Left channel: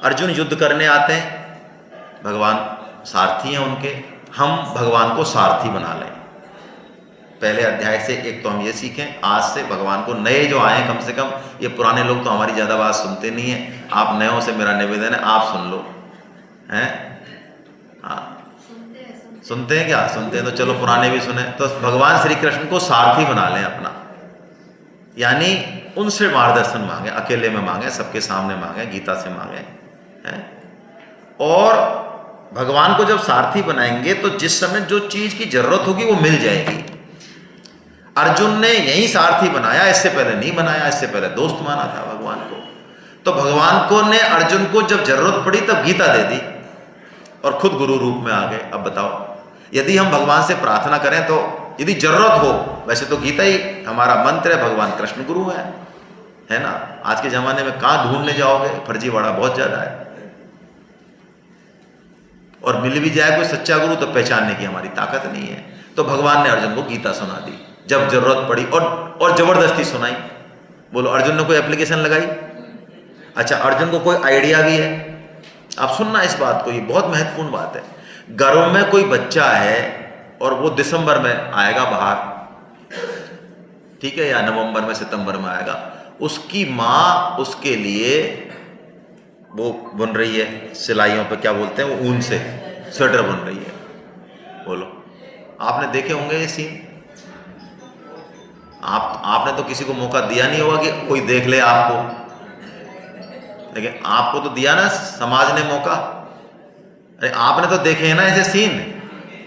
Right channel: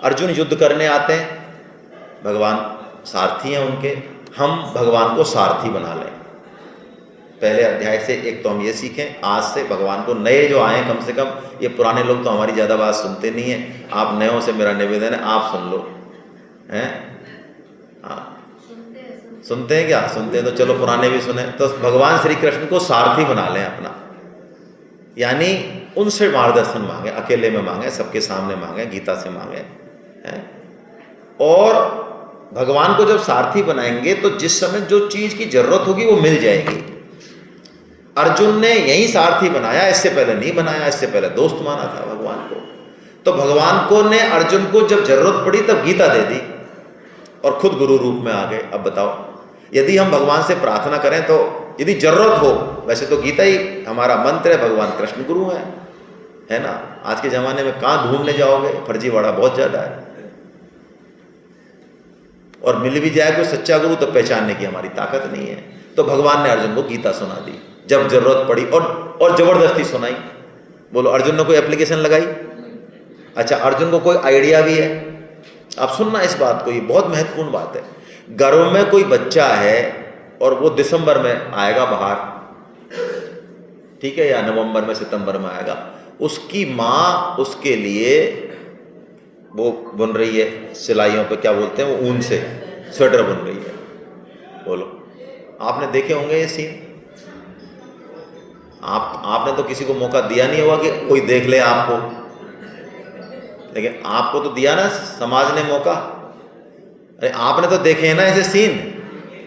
अर्जुन युद्ध करने आते हैं, भगवान सारथी हैं उनके, हम भगवान को सारथी बना लें। पहले अध्याय से एक तो हम ये सीखें, आज से भगवान को नए जो आए कम से कम, ये पुराने लोग तो हमारी ज़्यादा बात सुनते नहीं हैं, आप नयों से मेरा निवेदन है आप सुन लो, हैं? हाँ सुनते हैं क्या? सुनते हैं तो चलो पुराने भी सुने। तो भगवान श्री कृष्ण को सारथी बना लें अपना, यानी उनसे मार्गदर्शन मांगे, अकेले में मांगे, सबके सामने मांगे, गीता से मांगे, हैं? और भगवान को जब सारथी बनाएंगे तो जिस समय जो चीज़ की जरूरत होगी वो मिल जाएगी। अर्जुन ने यही सारथी बनाया, इससे पहले नहीं बनाया, इससे पहले दोस्त माना था भगवान को। तो भगवान को ने अर्जुन को जब जरूरत पड़ी तब गीता दे दी और खुद गुरु रूप में आ गए। अब बताओ, यदि हम भगवान से प्रार्थना करें तो यदि जरूरत हो, वैसे तो गीता ही हमारा मंत्र है, भगवान कृष्ण गुरु है ना। आज के ज़माने में कहाँ ढूंढने जाओगे, फर्जीवाड़ा बहुत ज़्यादा है, और मिल भी जाए कोई सच्चा गुरु तो पहचानने की हमारी ताकत नहीं है। तो भगवान ने अर्जुन को गीता सुना दी जब जरूरत पड़ी, और जबरदस्ती सुनाई। बोलो, अर्जुन ने कोई एप्लीकेशन लगाई? अच्छा, अर्जुन को कोई आइडिया भी है? आप सुनना इस बात को, ये बहुत महत्वपूर्ण बात है। घरों में कोई बच्चा है और वो दिसंबर में आएगा बाहर, ठीक है, या नवंबर में सितंबर में आएगा, उसकी माँ उसके लिए वो बुन रही है, सिलाइयों पे क्या बोलते हैं वो, ऊन से स्वेटर बुन रही है। बोलो, आपने देखे होंगे ये सीन? आपने तो किसी को मौका दिया नहीं होगा कि कोई देख ले आपको, लेकिन आपको तो दिया ना समाज ने मौका। अरे आपने तो देखे हैं ना ऐसे सीन,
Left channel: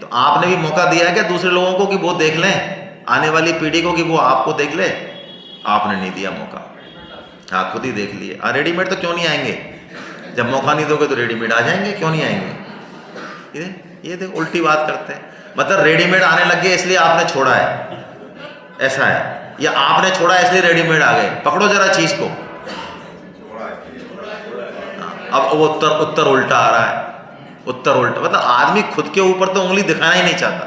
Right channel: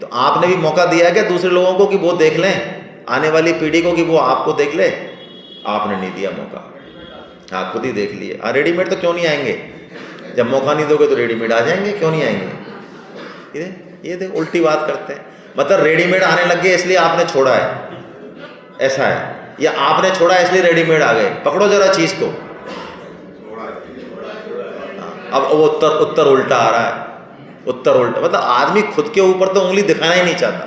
तो आपने भी मौका दिया है क्या दूसरे लोगों को कि वो देख लें, आने वाली पीढ़ी को कि वो आपको देख ले? आपने नहीं दिया मौका, हाँ खुद ही देख लिए। हाँ, रेडीमेड तो क्यों नहीं आएंगे? जब मौका नहीं दोगे तो रेडीमेड आ जाएंगे, क्यों नहीं आएंगे? ये देखो उल्टी बात करते हैं, मतलब रेडीमेड आने लग गए इसलिए आपने छोड़ा है, ऐसा है, या आपने छोड़ा इसलिए रेडीमेड आ गए? पकड़ो जरा चीज को। अब वो उत्तर उल्टा आ रहा है, उत्तर उल्टा, मतलब आदमी खुद के ऊपर तो उंगली दिखाना ही नहीं चाहता।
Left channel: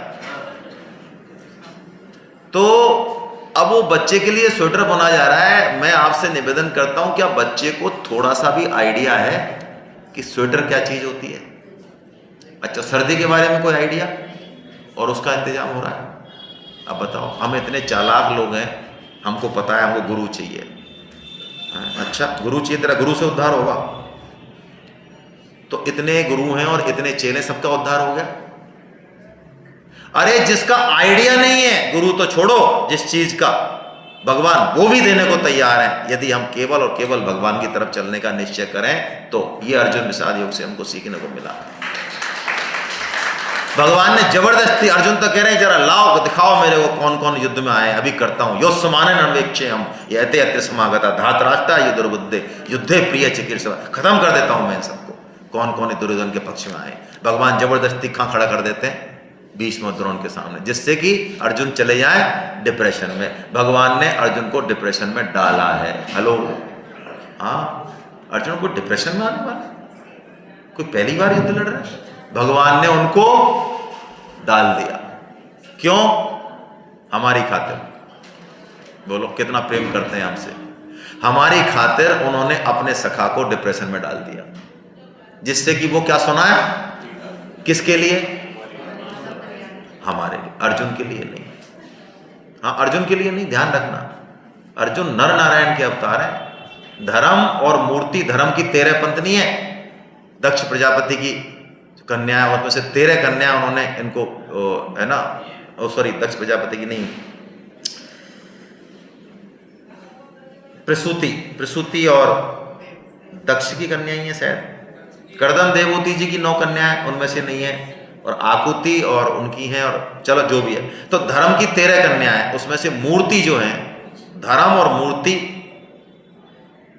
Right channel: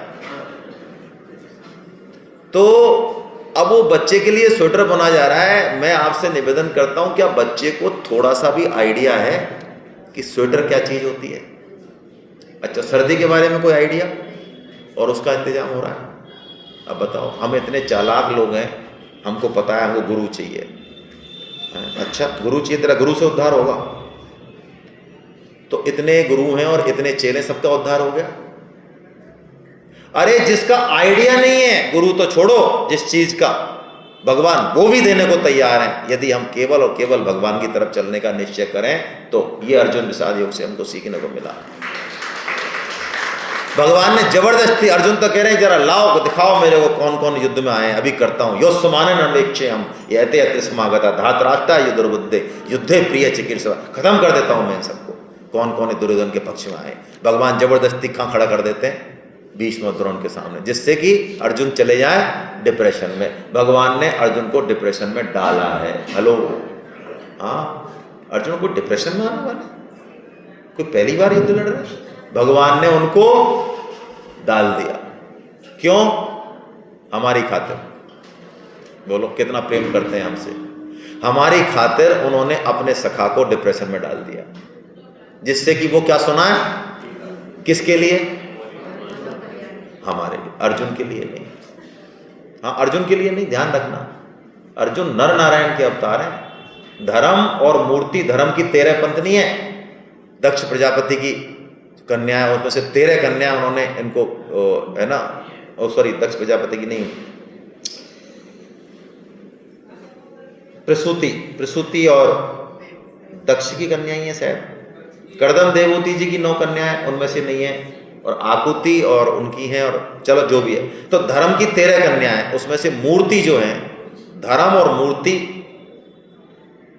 तो अब वो बच्चे के लिए स्वेटर बुना जा रहा है। मैं आपसे निवेदन करता हूं, क्या बच्चे को थोड़ा सा भी आइडिया है कि स्वेटर क्या चीज होती है? अच्छा, सर्दी के बारे में कोई आइडिया? और उसका इंतजाम हो रहा है। अब बताओ, हम इतने चालाक लोग हैं, हमको पता है हमको गुरु चाहिए। अच्छा, गुरु चाहिए, तेरा गुरु से उद्धार होगा? तो इतने गुरु हैं और इतने चेले, सबका उद्धार हो गया? अरे जिसका आइडिया नहीं है, गुरु तो छोड़ो, जिस चीज का भगवान वो भी देने को तैयार है, यदि हम केवल और केवल भगवान की तरफ चलने का निश्चय करें तो ये अर्जुन विषाद योग से हमको सीखने को मिला। भगवान ने जबरदस्ती, अर्जुन तो कह रहे हैं जरा लाओ दिखाओ मेरे को कौन कौन युद्ध में आए, अभी करता हूं। योत्समाने नमेक्षे हम यते अत्य समागता धातराष्ट्रा युद्धबुद्धे युद्धे प्रिय चिकित्सा, खत्म कर देता हूं मैं सबको, कौन कौन दुर्योधन के पक्ष में आए। भगवान जबरदस्ती कहां खड़ा कर देते हैं? भीष्म और द्रोण के सामने, जिससे कि अर्जुन चले जाए डिप्रेशन में। भगवान ने अर्जुन को डिप्रेशन में डाला है। हेलो, हाँ, अर्जुन को डिप्रेशन में आने वाला, कोई पहली बार युद्ध लड़ रहा है, भगवान ने उनको डाल दिया। क्यों? हमारी खातिर। बोलो, कितना प्रेम करते हैं हमसे। हमारी खातिर उन्होंने अपने सखा को डिप्रेशन में डाल दिया, जिससे कि वो क्या सुनाए? किसके लिए? हमारे लिए, अर्जुन के लिए नहीं। हाँ, अर्जुन के लिए नहीं, ध्यान रखना, अर्जुन नर नारायण के अवतार हैं। धर्म और मूर्ति, धर्म की 13 पंत्नी है, दक्ष प्रजापति की कन्या, उसमें से 13 कन्या उन्होंने इनको है ना, सॉरी दक्ष प्रजापति की नहीं, प्रसूति और दक्ष की कन्या ही है शायद। कर्दम देवहूति जी की 9 कन्या है, उनमें से नहीं है, और आकुति और उनकी हैं, और चलो जो भी है। तो धर्म की 13 कन्या है, उसमें से मूर्ति जो है, धर्म और मूर्ति,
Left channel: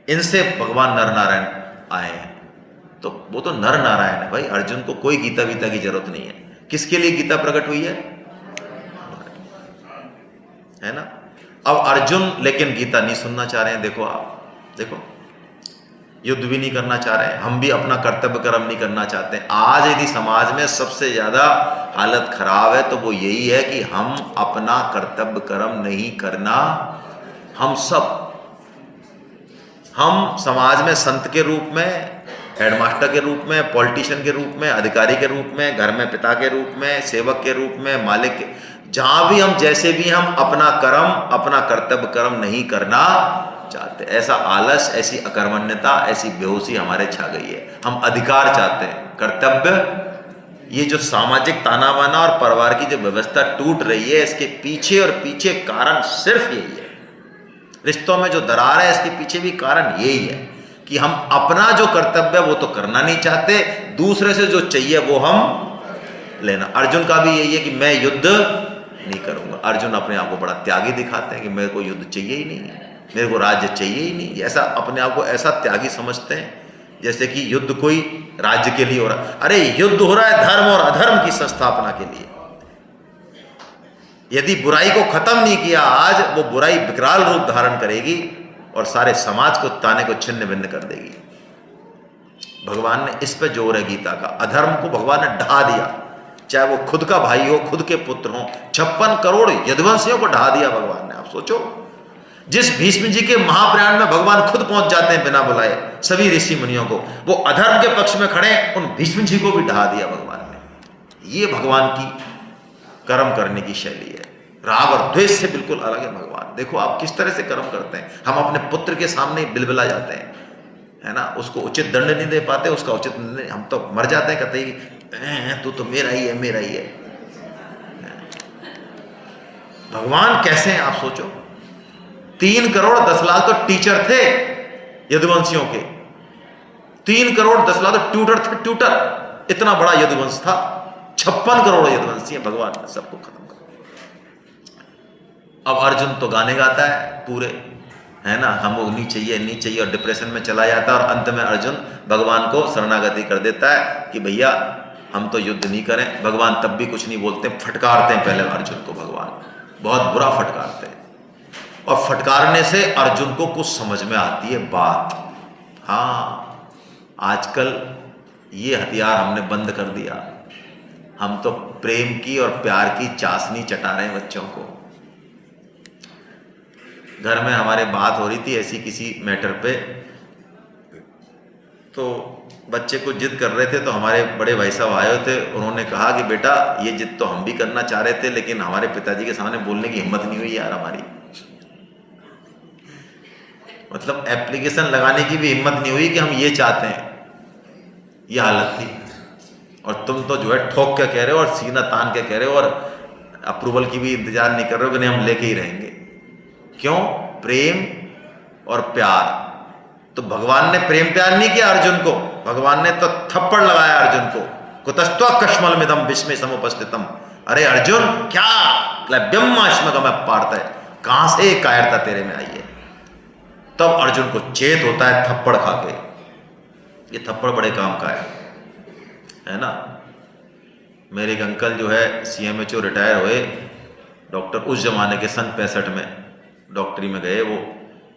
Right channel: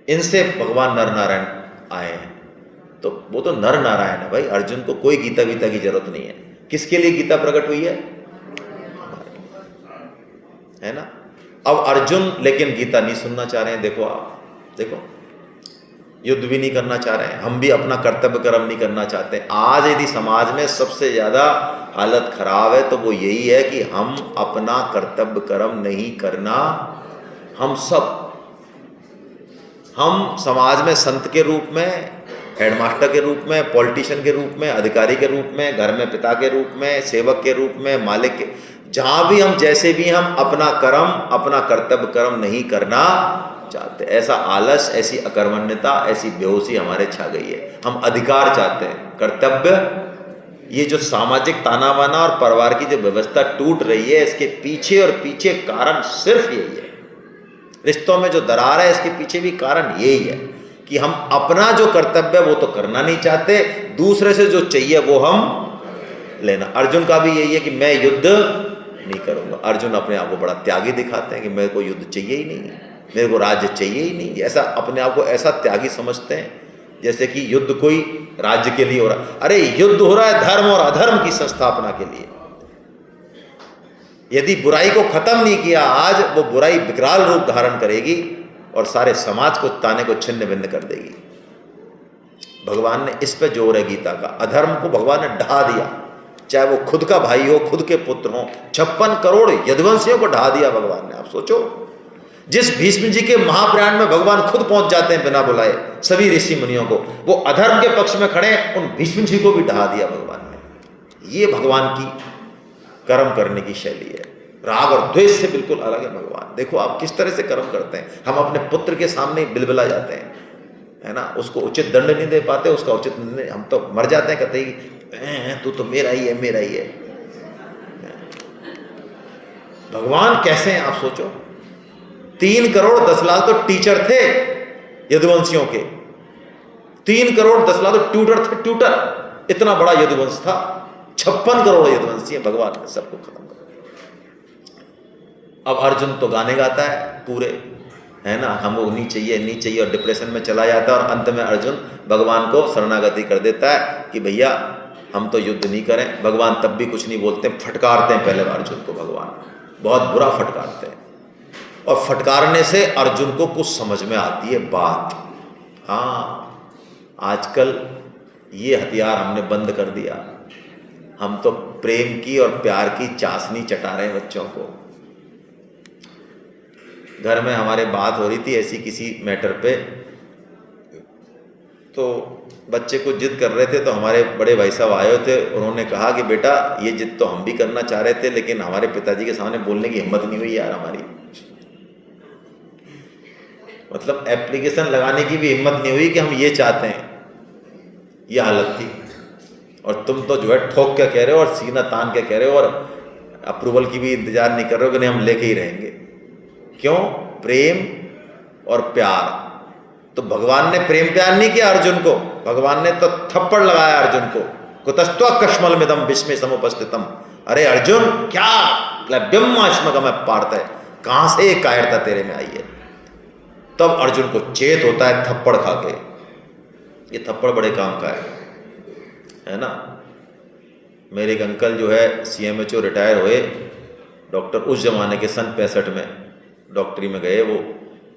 इनसे भगवान नर नारायण आए हैं। तो वो तो नर नारायण है भाई, अर्जुन को कोई गीता वीता की जरूरत नहीं है। किसके लिए गीता प्रकट हुई है ना? अब अर्जुन लेकिन गीता नहीं सुनना चाह रहे हैं। देखो आप, देखो, युद्ध भी नहीं करना चाह रहे हैं, हम भी अपना कर्तव्य कर्म नहीं करना चाहते। आज यदि समाज में सबसे ज्यादा हालत खराब है तो वो यही है कि हम अपना कर्तव्य कर्म नहीं करना। हम समाज में संत के रूप में हेडमास्टर के रूप में, पॉलिटिशियन के रूप में, अधिकारी के रूप में, घर में पिता के रूप में, सेवक के रूप में, मालिक के, जहाँ भी हम जैसे भी हम अपना कर्म, अपना कर्तव्य कर्म नहीं करना चाहते। ऐसा आलस, ऐसी अकर्मण्यता, ऐसी बेहोशी हमारे छा गई है। हम अधिकार चाहते हैं, कर्तव्य। ये जो सामाजिक ताना बाना और परिवार की जो व्यवस्था टूट रही है, इसके पीछे और पीछे कारण सिर्फ यही है। रिश्तों में जो दरार है, इसके पीछे भी कारण यही है कि हम अपना जो कर्तव्य वो तो करना नहीं चाहते, दूसरे से जो चाहिए वो हम लेना। अर्जुन का भी यही है कि मैं युद्ध नहीं करूंगा। अर्जुन अपने आप को बड़ा त्यागी दिखाते हैं कि मेरे को युद्ध चाहिए ही नहीं, मेरे को राज्य चाहिए ही नहीं। ऐसा अपने आप को ऐसा त्यागी समझते हैं जैसे कि युद्ध कोई राज्य के लिए हो रहा। अरे युद्ध हो रहा है धर्म और अधर्म की संस्थापना के लिए। यदि बुराई को खत्म नहीं किया आज, वो बुराई विकराल रूप धारण करेगी और सारे समाज को ताने को छिन्न भिन्न कर देगी। भगवान ने इस पे जोर है गीता का। अधर्म को भगवान ने ढा दिया, चाहे वो खुद का भाई हो, खुद के पुत्र हो। 56 करोड़ यदुवंशियों को ढा दिया भगवान ने। आप सोचो, जिस भीष्म जी के महाप्रयाण में भगवान खुद पहुंच जाते हैं बिना बुलाए सभी ऋषि मुनियों को, वो अधर्म के पक्ष में खड़े, उन भीष्म जी को भी ढा दिया भगवान ने। ये भगवान की कर्म करने की शैली है। राग और द्वेष से बिल्कुल अलग है भगवान। देखो आप किस तरह से कर्म करते हैं। हम अपने पुत्र के सामने बिलबिला जाते हैं, है ना, उसको उचित दंड नहीं दे पाते, उसका उचित नहीं, हम तो मर जाते हैं, कहते ही तू तो मेरा ही है, मेरा ही है। भगवान कैसे हैं आप सोचो। 3 करोड़ 10 लाख तो टीचर थे यदुवंशियों के। 3 करोड़ 10 लाख तो ट्यूटर थे, ट्यूटर। इतना बड़ा यदुवंश था। 56 करोड़ यदुवंशी है। भगवान ने सबको खत्म कर। अब अर्जुन तो गाने गाता है पूरे, है ना, हमको नहीं चाहिए नहीं चाहिए, और डिप्रेशन में चला जाता है। और अंत में अर्जुन भगवान को शरणागति कर देता है कि भैया हम तो युद्ध नहीं करें। भगवान तब भी कुछ नहीं बोलते, फटकारते हैं पहले अर्जुन को। भगवान बहुत बुरा फटकारते हैं, और फटकारने से अर्जुन को कुछ समझ में आती है बात। हाँ, आजकल ये हथियार हमने बंद कर दिया। हम तो प्रेम की और प्यार की चाशनी चटा रहे हैं बच्चों को। घर में हमारे बात हो रही थी ऐसी किसी मैटर पे, तो बच्चे को जिद कर रहे थे, तो हमारे बड़े भाई साहब आए थे। उन्होंने कहा कि बेटा ये जिद तो हम भी करना चाह रहे थे, लेकिन हमारे पिताजी के सामने बोलने की हिम्मत नहीं हुई यार हमारी। मतलब एप्लीकेशन लगाने की भी हिम्मत नहीं हुई कि हम ये चाहते हैं। ये हालत थी। और तुम तो जो है ठोक के कह रहे हो और सीना तान के कह रहे हो, और अप्रूवल की भी इंतजार नहीं कर रहे हो कि नहीं हम लेके ही रहेंगे। क्यों? प्रेम और प्यार। तो भगवान ने प्रेम प्यार नहीं किया अर्जुन को, भगवान ने तो थप्पड़ लगाया अर्जुन को। कुतस्त्वा कश्मलमिदं विस्मय समुपस्थितम। अरे अर्जुन, क्या क्लैब्यमाश्मगम पार्थ है, कहां से कायरता तेरे में आई है। तब अर्जुन को चेत होता है थप्पड़ खा के। ये थप्पड़ बड़े काम का है ना। मेरे एक अंकल जो है CMHO रिटायर हुए डॉक्टर, उस जमाने के सन 65 में डॉक्टरी में गए।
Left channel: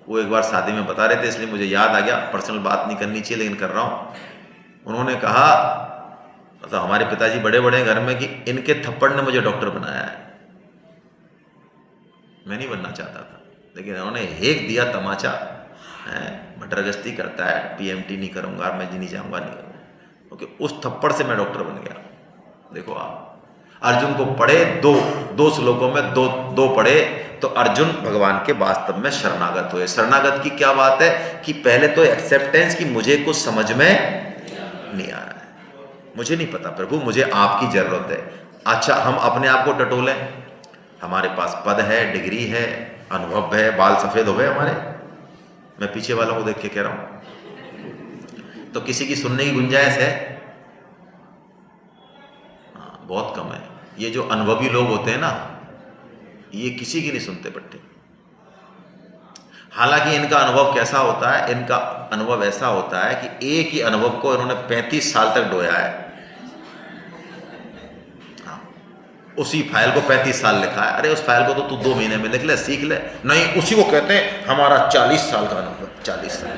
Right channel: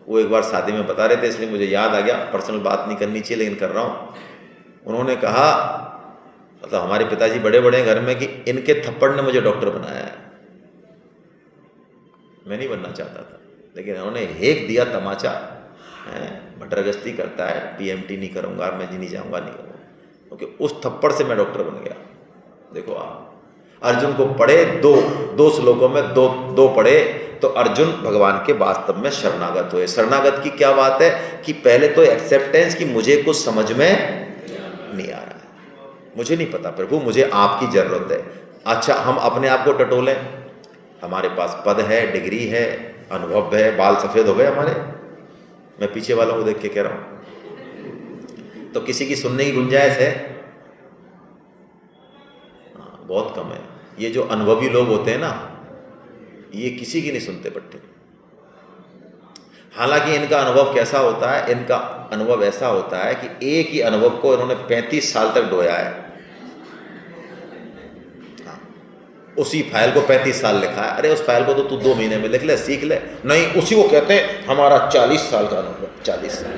वो एक बार शादी में बता रहे थे, इसलिए मुझे याद आ गया। पर्सनल बात नहीं करनी चाहिए लेकिन कर रहा हूँ। उन्होंने कहा, मतलब हमारे पिताजी बड़े बड़े घर में, कि इनके थप्पड़ ने मुझे डॉक्टर बनाया है। मैं नहीं बनना चाहता था, लेकिन उन्होंने हेक दिया तमाचा है, मटरगश्ती करता है, PMT नहीं करूँगा, मैं जी नहीं जाऊँगा, नहीं करूँगा, क्योंकि उस थप्पड़ से मैं डॉक्टर बन गया। देखो आप, अर्जुन को पढ़े दो श्लोकों में दो पढ़े, तो अर्जुन भगवान के वास्तव में शरणागत हुए। शरणागत की क्या बात है कि पहले तो एक्सेप्टेंस कि मुझे कुछ समझ में नहीं आ रहा है, मुझे नहीं पता प्रभु, मुझे आपकी जरूरत है। अच्छा, हम अपने आप को टटोलें, हमारे पास पद है, डिग्री है, अनुभव है, बाल सफेद हो गए हमारे। मैं पीछे वालों को देख के कह रहा हूं, तो किसी की सुनने की गुंजाइश है? बहुत कम है। ये जो अनुभवी लोग होते हैं ना, ये किसी की नहीं सुनते पट्टे। हालांकि इनका अनुभव कैसा होता है, इनका अनुभव ऐसा होता है कि एक ही अनुभव को इन्होंने 35 साल तक ढोया है। उसी फाइल को 35 साल लिखा है। अरे उस फाइल को तो तू 2 महीने में लिख ले, सीख ले। नहीं, उसी को कहते हैं हमारा 40 साल का अनुभव। 40 साल।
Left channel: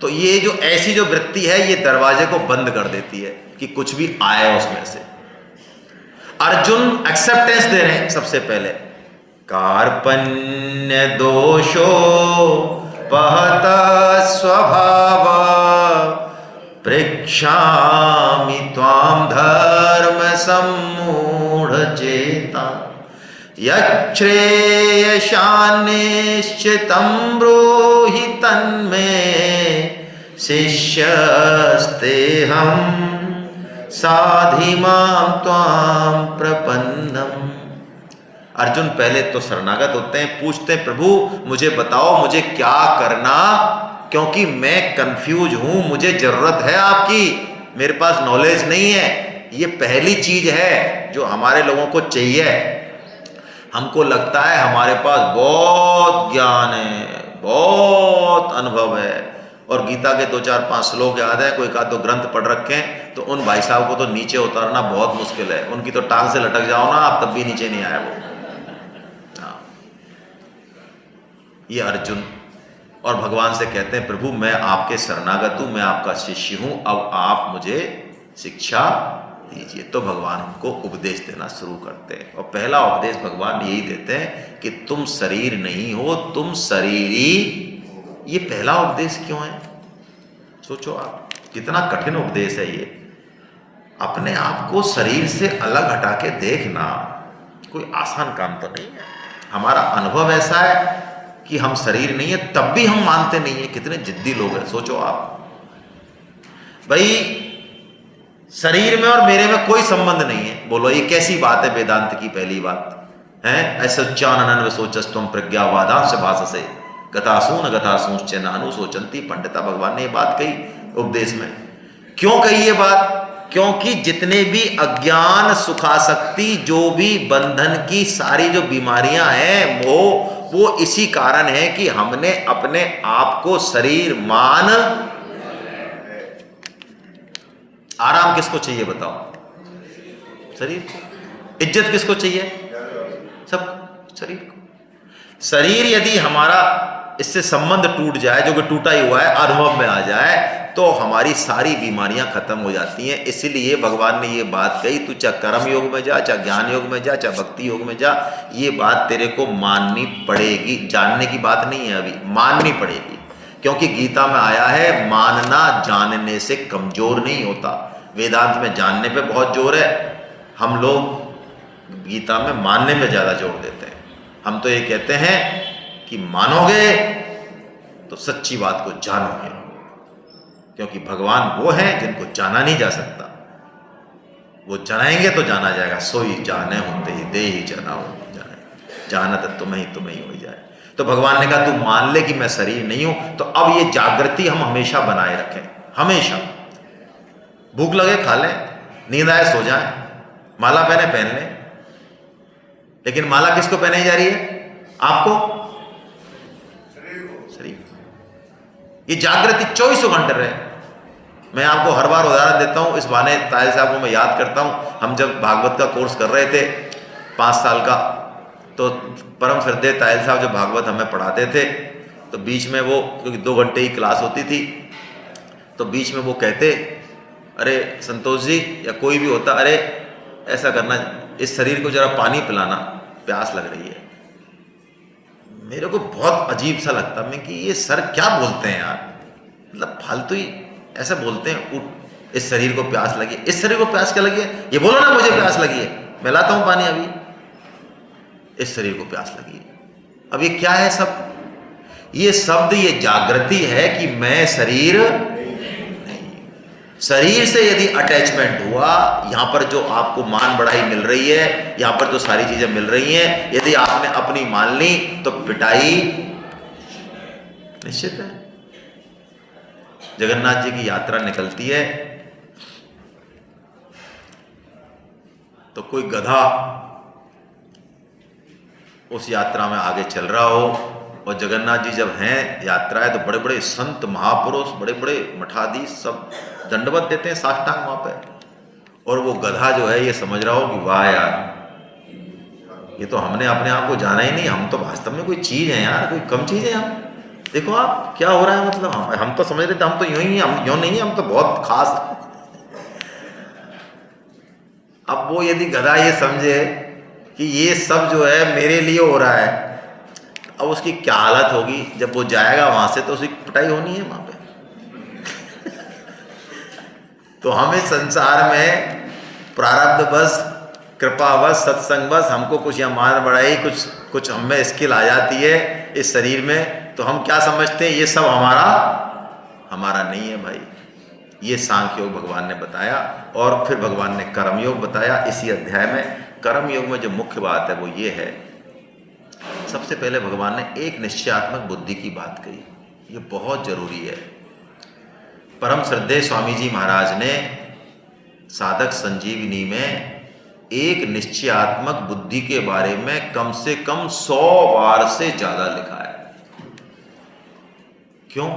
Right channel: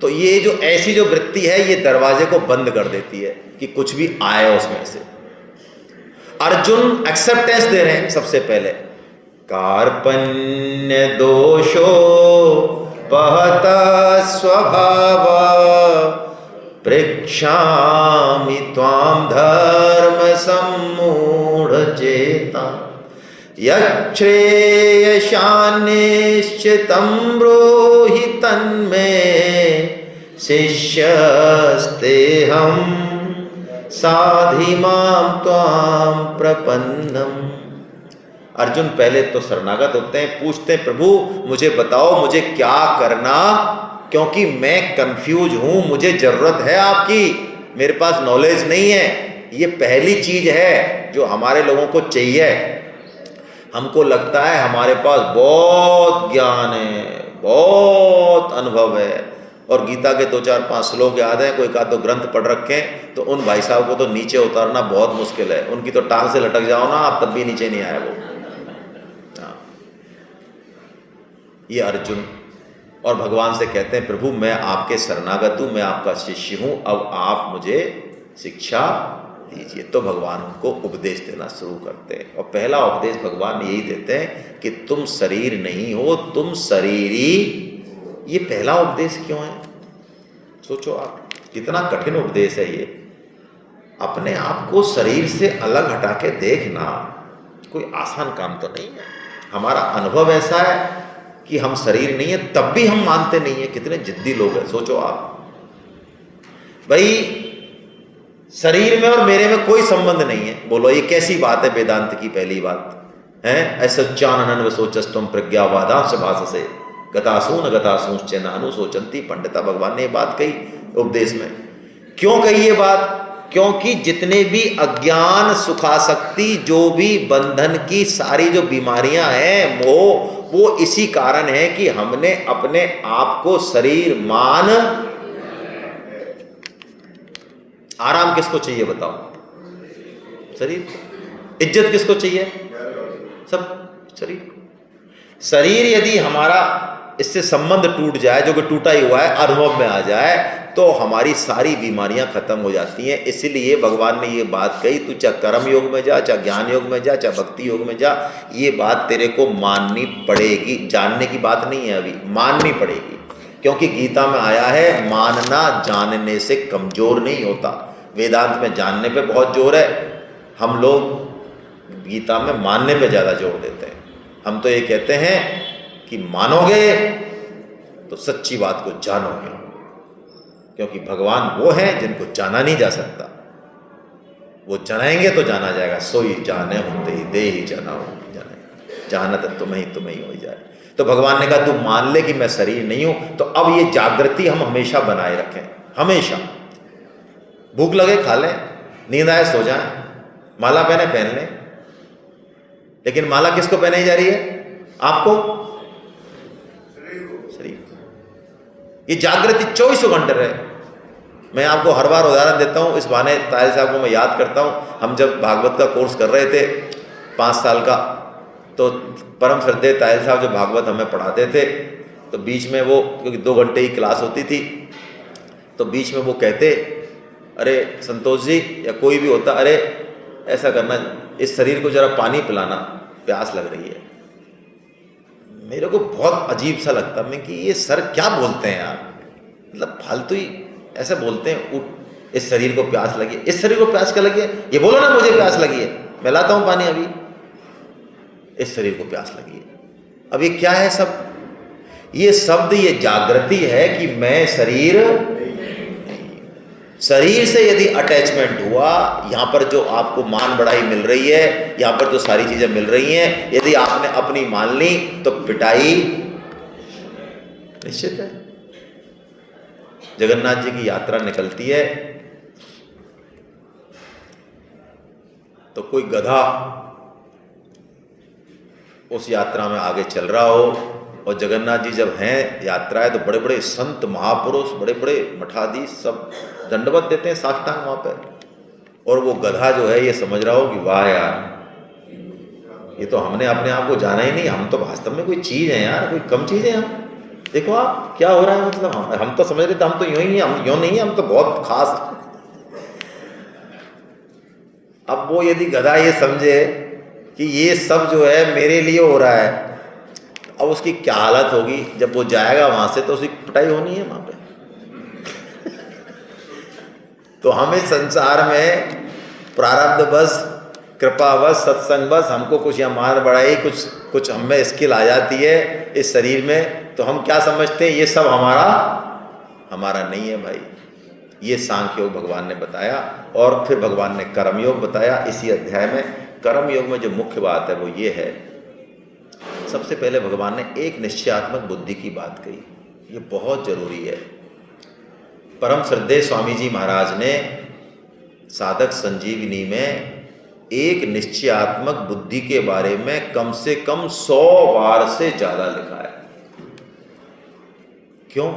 तो ये जो ऐसी जो वृत्ति है, ये दरवाजे को बंद कर देती है कि कुछ भी आए उसमें से। अर्जुन एक्सेप्टेंस दे रहे हैं सबसे पहले। कार्पण्य दोषो पहत स्वभाव पृच्छामि त्वां धर्म सम्मूढ़ चेता यच्छ्रेयशान्निश्चितं ब्रूहि तन्मे शिष्यस्तेऽहं साधिमां त्वां प्रपन्नम्। अर्जुन पहले तो शरणागत होते हैं, पूछते हैं प्रभु मुझे बताओ मुझे क्या करना, क्योंकि मैं कंफ्यूज हूं, मुझे जरूरत है आपकी, मेरे पास नॉलेज नहीं है। ये पहली चीज है जो हमारे लोगों को चाहिए। हमको लगता है हमारे पास बहुत ज्ञान है, बहुत अनुभव है, और गीता के 2-4-5 श्लोक याद है, कोई का तो ग्रंथ पढ़ रखे हैं, तो उन भाई साहब को तो नीचे उतारना बहुत मुश्किल है। उनकी तो टांग से लटक जाओ ना आप, तब भी नीचे नहीं आए वो। ये अर्जुन और भगवान से कहते हैं प्रभु मैं आपके शरणागत हूं, मैं आपका शिष्य हूं, अब आप मुझे शिक्षा दीजिए। तो भगवान उनको उपदेश देना शुरू करते हैं, और पहला उपदेश भगवान यही देते हैं कि तुम शरीर नहीं हो, तुम शरीरी। ये पहला उपदेश क्यों है? सोचो आप, कितना कठिन उपदेश है ये। अपने आप को शरीर से अलग हटा के देखना कोई आसान काम तो नहीं है। हमारा अनुभव ऐसा है कि हम शरीर नहीं है, तब भी हम मानते नहीं है। कितने जिद्दी लोग हैं, सोचो आप भाई, शरीर में और मेरे में कोई संबंध नहीं है। बोलो ये कैसी बात है? वेदांत की पहली बात है ऐसोच्चानन सोचस्तम प्रज्ञावादांश भाषसे गतासून गतासूंश्च नानु सोचंती पंडिता। भगवान ने ये बात कही उपदेश में। क्यों कही ये बात? क्योंकि जितने भी अज्ञान, सुखासक्ति, जो भी बंधन की सारी जो बीमारियां हैं, वो इसी कारण है कि हमने अपने आप को शरीर मान। आराम किसको चाहिए बताओ? शरीर को। इज्जत किसको चाहिए? सब शरीर को। शरीर यदि हमारा इससे संबंध टूट जाए, जो कि टूटा ही हुआ है, अनुभव में आ जाए, तो हमारी सारी बीमारियां खत्म हो जाती हैं। इसलिए भगवान ने ये बात कही, तू चाहे कर्म योग में जा, चाहे ज्ञान योग में जा, चाहे भक्ति योग में जा, ये बात तेरे को माननी पड़ेगी। जानने की बात नहीं है, अभी माननी पड़ेगी। क्योंकि गीता में आया है मानना जानने से कमजोर नहीं होता। वेदांत में जानने पे बहुत जोर है, हम लोग गीता में मानने पे ज़्यादा जोर देते हैं। हम तो ये कहते हैं कि मानोगे तो सच्ची बात को जानोगे, क्योंकि भगवान वो हैं जिनको जाना नहीं जा सकता। वो जनाएंगे तो जाना जाएगा। सोई जाने होते ही दे ही जाना हो जाने, जाना तो तुम्हें ही हो जाए। तो भगवान ने कहा तू मान ले कि मैं शरीर नहीं हूं। तो अब ये जागृति हम हमेशा बनाए रखें, हमेशा। भूख लगे खा लें, नींद आए सो जाएं, माला पहने पहन लें, लेकिन माला किसको पहनाई जा रही है? आपको, शरीर। ये जागृति 24 घंटे रहे। मैं आपको हर बार उदाहरण देता हूँ, इस बहाने तायल साहब को मैं याद करता हूँ। हम जब भागवत का कोर्स कर रहे थे 5 साल का, तो परम श्रद्धेय तायल साहब जो भागवत हमें पढ़ाते थे, तो बीच में वो, क्योंकि 2 घंटे की क्लास होती थी, तो बीच में वो कहते, अरे संतोष जी या कोई भी होता, अरे ऐसा करना, इस शरीर को जरा पानी पिलाना, प्यास लग रही है। मेरे को बहुत अजीब सा लगता मैं कि ये सर क्या बोलते हैं यार, मतलब फालतू ही ऐसा बोलते हैं। उठ, इस शरीर को प्यास लगी है। इस शरीर को प्यास क्या लगी है? ये बोलो ना मुझे प्यास लगी है, मैं लाता हूँ पानी अभी। इस शरीर को प्यास लगी है। अब ये क्या है सब? ये शब्द, ये जागृति है कि मैं शरीर। शरीर से यदि अटैचमेंट हुआ, यहाँ पर जो आपको मान बढ़ाई मिल रही है, यहाँ पर जो सारी चीजें मिल रही हैं, यदि आपने अपनी मान ली तो पिटाई निश्चित है। जगन्नाथ जी की यात्रा निकलती है तो कोई गधा उस यात्रा में आगे चल रहा हो, और जगन्नाथ जी जब हैं यात्रा है तो बड़े बड़े संत महापुरुष, बड़े बड़े मठाधीश सब दंडवत देते हैं साष्टांग वहाँ पे, और वो गधा जो है ये समझ रहा हो कि वाह यार, ये तो हमने अपने आप को जाना ही नहीं, हम तो वास्तव में कोई चीज़ है यार, कोई कम चीज़ है हम। देखो आप क्या हो रहा है, मतलब हम तो समझ रहे थे हम तो यूं ही, हम यूं नहीं है, हम तो बहुत खास। अब वो यदि गधा ये समझे कि ये सब जो है मेरे लिए हो रहा है, अब उसकी क्या हालत होगी जब वो जाएगा वहाँ से, तो उसकी पिटाई होनी है वहाँ पे। तो हम इस संसार में प्रारब्ध बस, कृपा बस, सत्संग बस, हमको कुछ यहाँ मार बढ़ाई, कुछ हम में स्किल आ जाती है इस शरीर में, तो हम क्या समझते हैं ये सब हमारा नहीं है भाई। ये सांख्य योग भगवान ने बताया, और फिर भगवान ने कर्म योग बताया इसी अध्याय में। कर्म योग में जो मुख्य बात है वो ये है, सबसे पहले भगवान ने एक निश्चयात्मक बुद्धि की बात कही, ये बहुत जरूरी है। परम श्रद्धेय स्वामी जी महाराज ने साधक संजीवनी में एक निश्चयात्मक बुद्धि के बारे में कम से कम 100 बार से ज्यादा लिखा है। क्यों?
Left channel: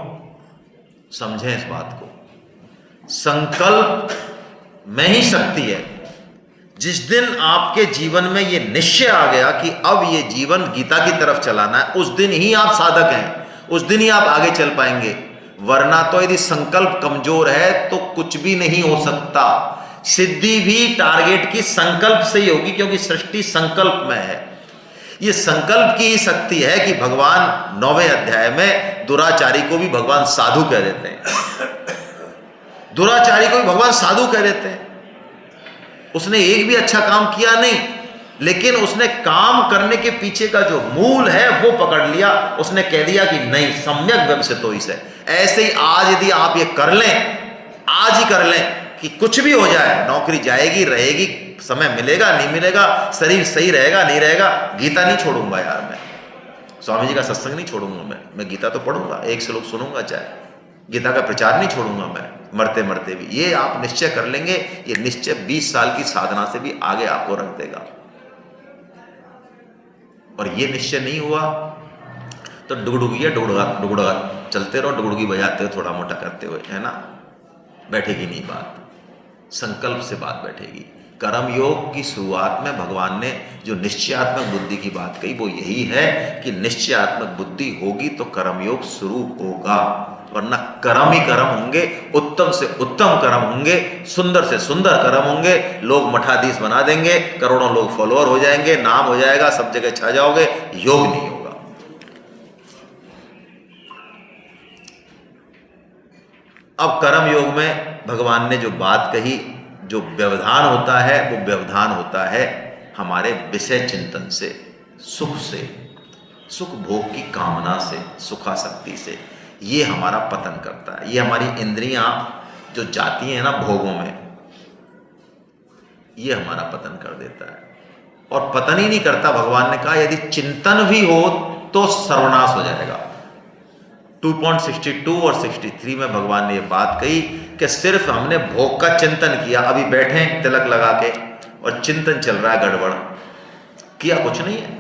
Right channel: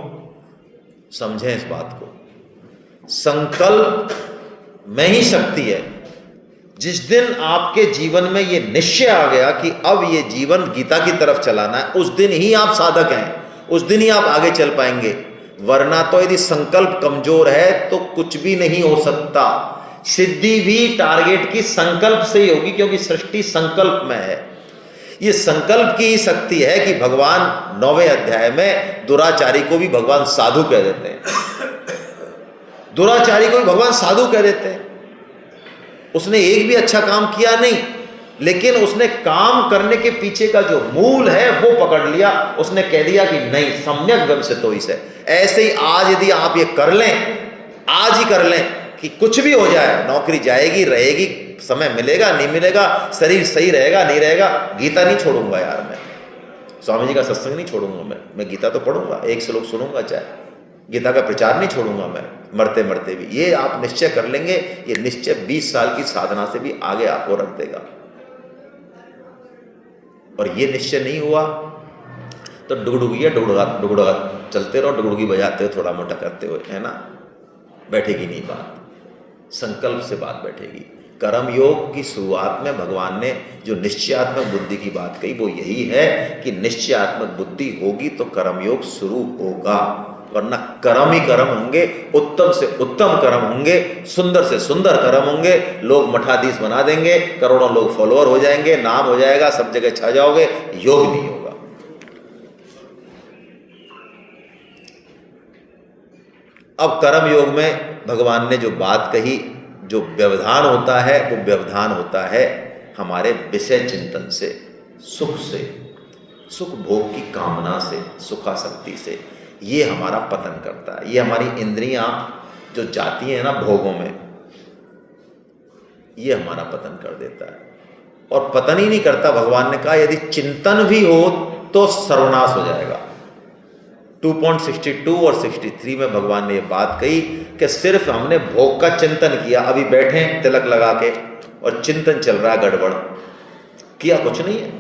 समझें इस बात को। संकल्प में ही शक्ति है। जिस दिन आपके जीवन में ये निश्चय आ गया कि अब ये जीवन गीता की तरफ चलाना है, उस दिन ही आप साधक हैं, उस दिन ही आप आगे चल पाएंगे। वरना तो यदि संकल्प कमजोर है तो कुछ भी नहीं हो सकता। सिद्धि भी टारगेट की संकल्प से ही होगी, क्योंकि सृष्टि संकल्प में है। ये संकल्प की ही शक्ति है कि भगवान 9वें अध्याय में दुराचारी को भी भगवान साधु कह देते हैं। दुराचारी को भी भगवान साधु कह देते हैं। उसने एक भी अच्छा काम किया नहीं, लेकिन उसने काम करने के पीछे का जो मूल है वो पकड़ लिया। उसने कह दिया कि नहीं, सम्यक व्यवसितो इसे। ऐसे ही आज यदि आप ये कर लें, आज ही कर लें कि कुछ भी हो जाए, नौकरी जाएगी रहेगी, समय मिलेगा नहीं मिलेगा, शरीर सही रहेगा नहीं रहेगा, गीता नहीं छोड़ूंगा यार, मैं स्वामी जी का सत्संग नहीं छोड़ूंगा, मैं गीता तो पढ़ूंगा, एक श्लोक सुनूंगा, चाहे गीता का प्रचार नहीं छोड़ूंगा मैं मरते मरते भी। ये आप निश्चय कर लेंगे, ये निश्चय 20 साल की साधना से भी आगे आपको रख देगा। और ये निश्चय नहीं हुआ तो डुगडुगा चलते रहो, डुगडुगी बजाते हो, थोड़ा मोटा करते हुए, है ना, बैठेगी नहीं बात। संकल्प से बात बैठेगी। कर्म योग की शुरुआत में भगवान ने जो निश्चयात्मक बुद्धि की बात कही वो यही है कि निश्चयात्मक बुद्धि होगी तो कर्म योग शुरू होगा, वरना कर्म ही कर्म होंगे, उत्तम से उत्तम कर्म होंगे, सुंदर से सुंदर कर्म होंगे, लोग मठाधीश बना देंगे, करोड़ों लोग फॉलोअर हो जाएंगे, नाम हो जाएगा, सब जगह छा जाओगे, योग नहीं होगा। अब कर्म योग में भगवान ने जो बात कही, जो व्यवधान होता है वो व्यवधान होता है हमारे विषय चिंतन से, सुख भोग की कामना से, सुखासक्ति से। ये हमारा पतन करता है। ये हमारी इंद्रियां जो जाती हैं ना भोगों में, ये हमारा पतन कर देता है। और पतन ही नहीं करता, भगवान ने कहा यदि चिंतन भी हो तो सर्वनाश हो जाएगा। 2.62 और 63 में भगवान ने ये बात कही कि सिर्फ हमने भोग का चिंतन किया, अभी बैठे तिलक लगा के और चिंतन चल रहा है, गड़बड़ किया कुछ नहीं है,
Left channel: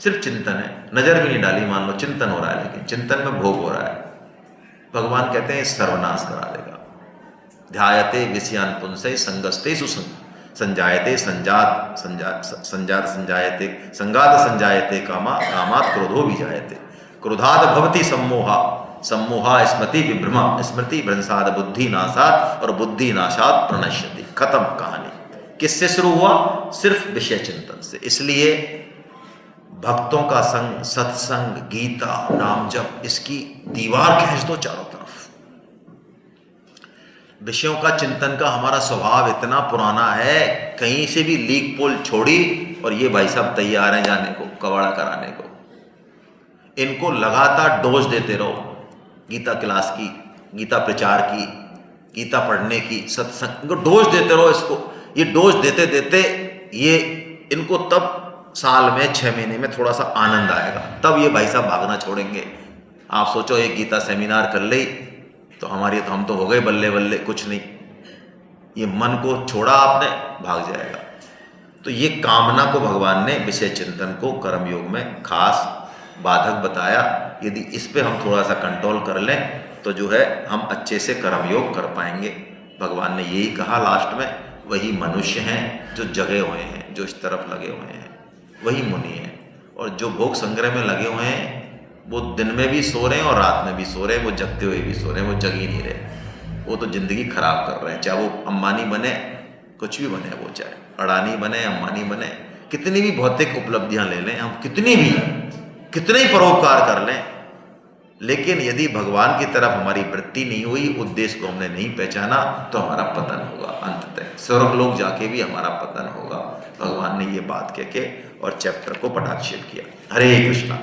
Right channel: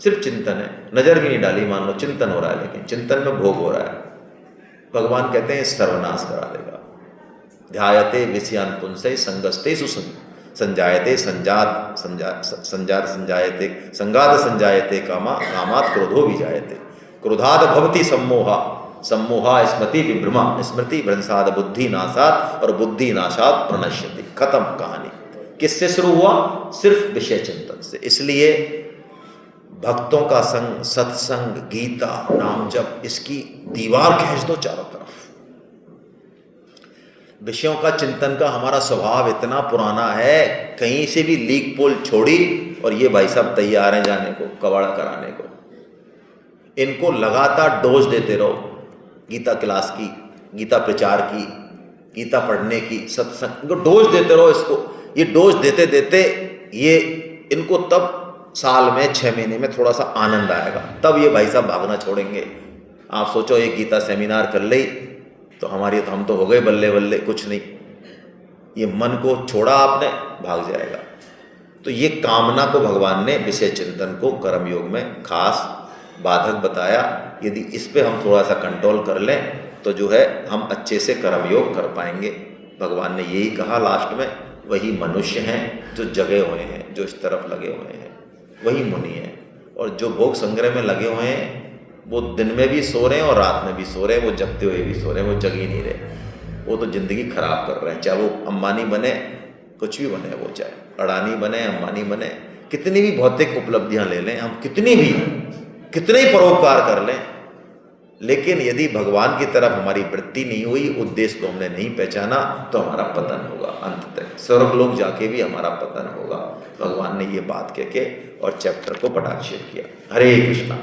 सिर्फ चिंतन है, नजर भी नहीं डाली, मान लो चिंतन हो रहा है, लेकिन चिंतन में भोग हो रहा है। भगवान कहते हैं सर्वनाश करा देगा। ध्यायते विषयान पुंसै संगस्तेषु संजायते संजात संजायते कामात् क्रोधो विजायते क्रोधाद भवति सम्मोहा स्मृति विभ्रमा स्मृति भ्रंशाद बुद्धि नाशात और बुद्धि नाशात प्रणश्यति। खत्म कहानी। किससे शुरू हुआ? सिर्फ विषय चिंतन से। इसलिए भक्तों का संग, सत्संग, गीता, नाम जप, इसकी दीवार खींच दो चारों तरफ। विषयों का चिंतन का हमारा स्वभाव इतना पुराना है, कहीं से भी लीक पोल छोड़ी और ये भाई साहब तैयार हैं जाने को, कवाड़ा कराने को। इनको लगातार डोज देते रहो, गीता क्लास की, गीता प्रचार की, गीता पढ़ने की, सत्संग, इनको डोज देते रहो। इसको ये डोज देते देते ये इनको तब साल में 6 महीने में थोड़ा सा आनंद आएगा, तब ये भाई साहब भागना छोड़ेंगे। आप सोचो एक गीता सेमिनार कर ले तो हम तो हो गए बल्ले बल्ले, कुछ नहीं, ये मन को छोड़ा आपने, भाग जाएगा। तो ये कामना को भगवान ने विषय चिंतन को कर्म योग में खास बाधक बताया। यदि इस पे हम थोड़ा सा कंट्रोल कर लें तो जो है हम अच्छे से कर्म योग कर पाएंगे। भगवान ने यही कहा लास्ट में, वही मनुष्य हैं जो जगे हुए हैं, जो इस तरफ लगे हुए हैं, वही मुनि हैं। और जो भोग संग्रह में लगे हुए हैं वो दिन में भी सो रहे हैं और रात में भी सो रहे हैं, वो जगते हुए भी सो रहे हैं, वो जग ही नहीं रहे। वो तो ज़िंदगी खराब कर रहे हैं, चाहे वो अंबानी बने, कुछ भी बने, वो चाहे अडानी बने, अंबानी बने, कितनी भी भौतिक उपलब्धियां ले लें, हम कितने ही परोपकार कर लें, लेकिन यदि भगवान की तरफ हमारी वृत्ति नहीं हुई, उद्देश्य को हमने नहीं पहचाना, तो हमारा पतन होगा। अंततः स्वर्ग लोग जाके भी हमारा पतन होगा। भगवान ने ये बात कह के और चैप्टर को पटाक्षेप किया। हरे कृष्णा।